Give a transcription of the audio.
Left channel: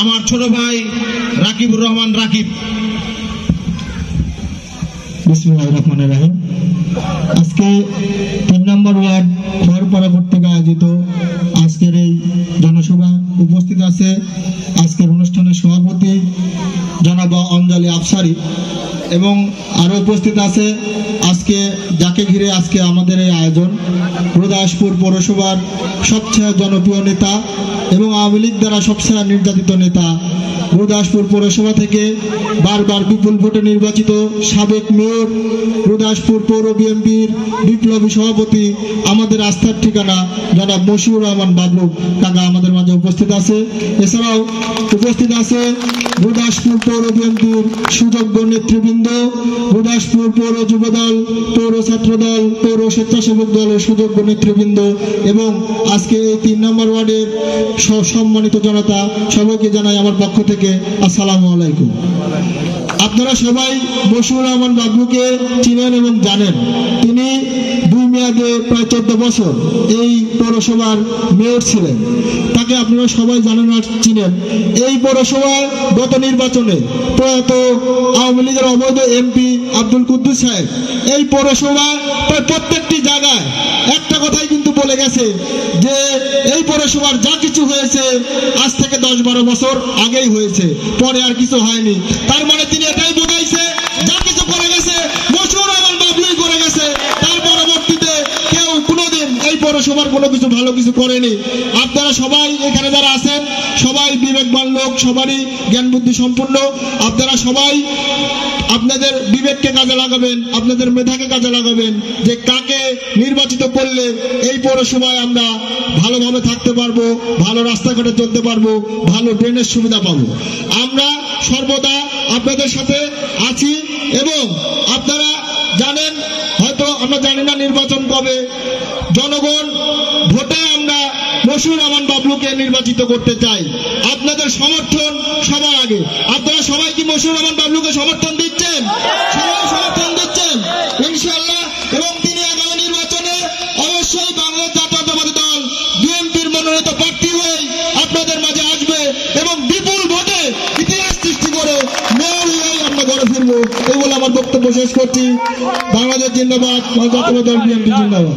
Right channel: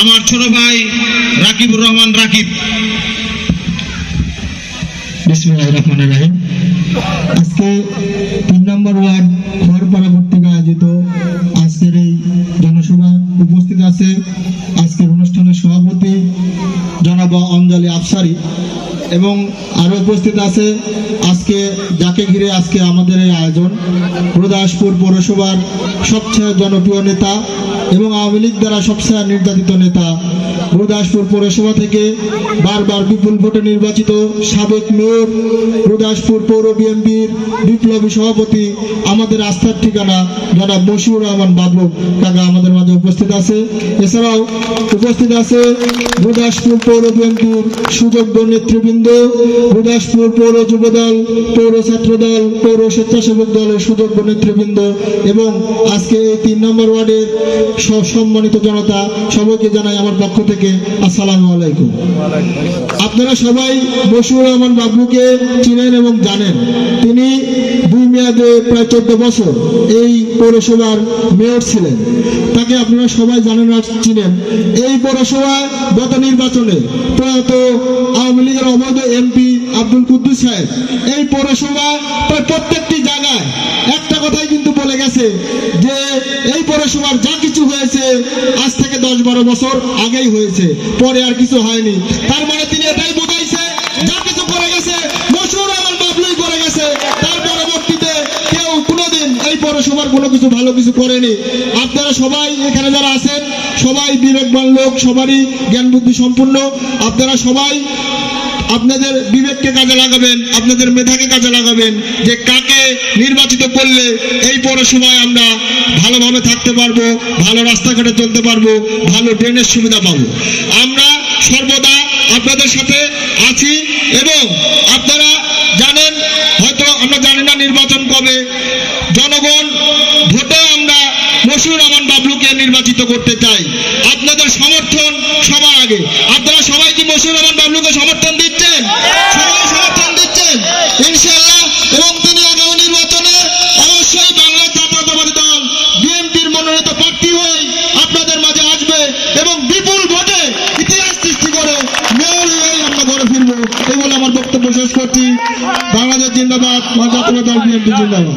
আমার ছোট ভাই রাকিবুর রহমান রাকিব। বিসমিল্লাহির রহমানির রহিম। আজকে 3 নম্বর ওয়ার্ড খড়পাড়া কর্তৃক আয়োজিত আজকের এই জনসভা উপস্থিত আছে আজকের অনুষ্ঠানের সভাপতি জনাব অঞ্জলি আফসারি এবং আরো উপস্থিত আছে আজকে যাকে ঘিরে আজকে আমাদের এই আয়োজন গুরুদাসপুর পৌরসভার সবচেয়ে জনপ্রিয় নেতা এবং আওয়ামী লীগ দ্বারা সবচেয়ে নির্যাতিত নেতা, গুরুদাসপুর পৌরসভা থেকে বারবার বিপুল ভোটে নির্বাচিত সাবেক মেয়র, গুরুদাসপুর পৌর বিএনপির বিপ্লবী সভাপতি, আমাদের আস্থার ঠিকানা জনাব মশিউর রহমান বাবলু কাকা আমাদের মাঝে উপস্থিত আছে। এছাড়াও উপস্থিত আছে গুরুদাসপুর পৌর বিএনপির সুযোগ্য নেতৃবৃন্দ, গুরুদাসপুর পৌর যুবদল, পৌর ছাত্রদল, পৌর স্বেচ্ছাসেবক দলের সুযোগ্য নেতৃবৃন্দ এবং আজকে এই 3 নম্বর ওয়ার্ডের সম্মানিত জনতা, সবাইকে জানাই আমার পক্ষ থেকে আসসালামু আলাইকুম। আপনারা সবাই মশিউর রহমান বাবলুকে চিনেন এবং জানেন। তিনি 2 মেয়াদে প্রায় 14 বছর এই পৌরসভার মেয়র ছিলেন। তাকে আপনারা সবাই জানেন আর চিনেন। এই পৌরসভায় গত নির্বাচনে প্রয়াত আওয়ামী লীগের অবৈধ এমপি আব্দুল কুদ্দুস সাহেব এই পৌরসভা প্রায় প্রত্যেকটি জায়গায় একটা কথাই কিন্তু বলে গেছে যে এই পৌরসভার যা কিছু হয়েছে আজ থেকে 10-12 বছর আগেই হয়েছে, পরে আর কিছু হয়নি। তার মানে তিনি এটাই বোঝাইছে যা কিছু করে গেছে মশিউর রহমান বাবলুই করে গেছে। তার পরবর্তীতে কেউ কোনোদিন এই পৌরসভার কোনো কিছু ভালো কিছু করেনি। আপনারা সবাই এখানে যারা আছেন সবাই বিবেকবান লোক, সবারই জ্ঞান বুদ্ধি সম্পূর্ণ। আপনারা সবাই আপনাদের বিবেককে কাজে লাগাবেন, আপনাদের মেধাকে কাজে লাগাবেন যে কাকে নির্বাচিত করলে এই পৌরসভায় আমরা ভালোভাবে থাকতে পারবো, ভালো রাস্তাঘাটে চলতে পারবো, ভালো ড্রেনের সুবিধা পাবো। আমরা সর্বদা আপনাদের সাথে আছি এবং আপনারা জানেন, হয়তো আমরা জানি না নির্বাচন কবে, জনগণ ভোটে আমরা মশিউর রহমান বাবলুকে নির্বাচিত করতে চাই। আপনাদের সমর্থন সবার আগে। আপনারা সবাই কি মশিউর রহমান বাবলুকে সমর্থন দিচ্ছেন? সবাই সমর্থন দিচ্ছেন ইনশাআল্লাহ। এবং তিনি আগামী নির্বাচনে অবশ্যই বাংলাদেশ জাতীয়তাবাদী দল বিএনপির মনোনীত প্রার্থী হয়ে আপনাদের মাঝে আসবে এবং বিপুল ভোটে ইতিহাস সৃষ্টি করে মেয়র হয়ে আমরা ঘরে ফিরবো। এই বলে আমার বক্তব্য শেষ করছি। বাংলাদেশ জিন্দাবাদ, জাতীয়তাবাদী দল বিএনপি জিন্দাবাদ।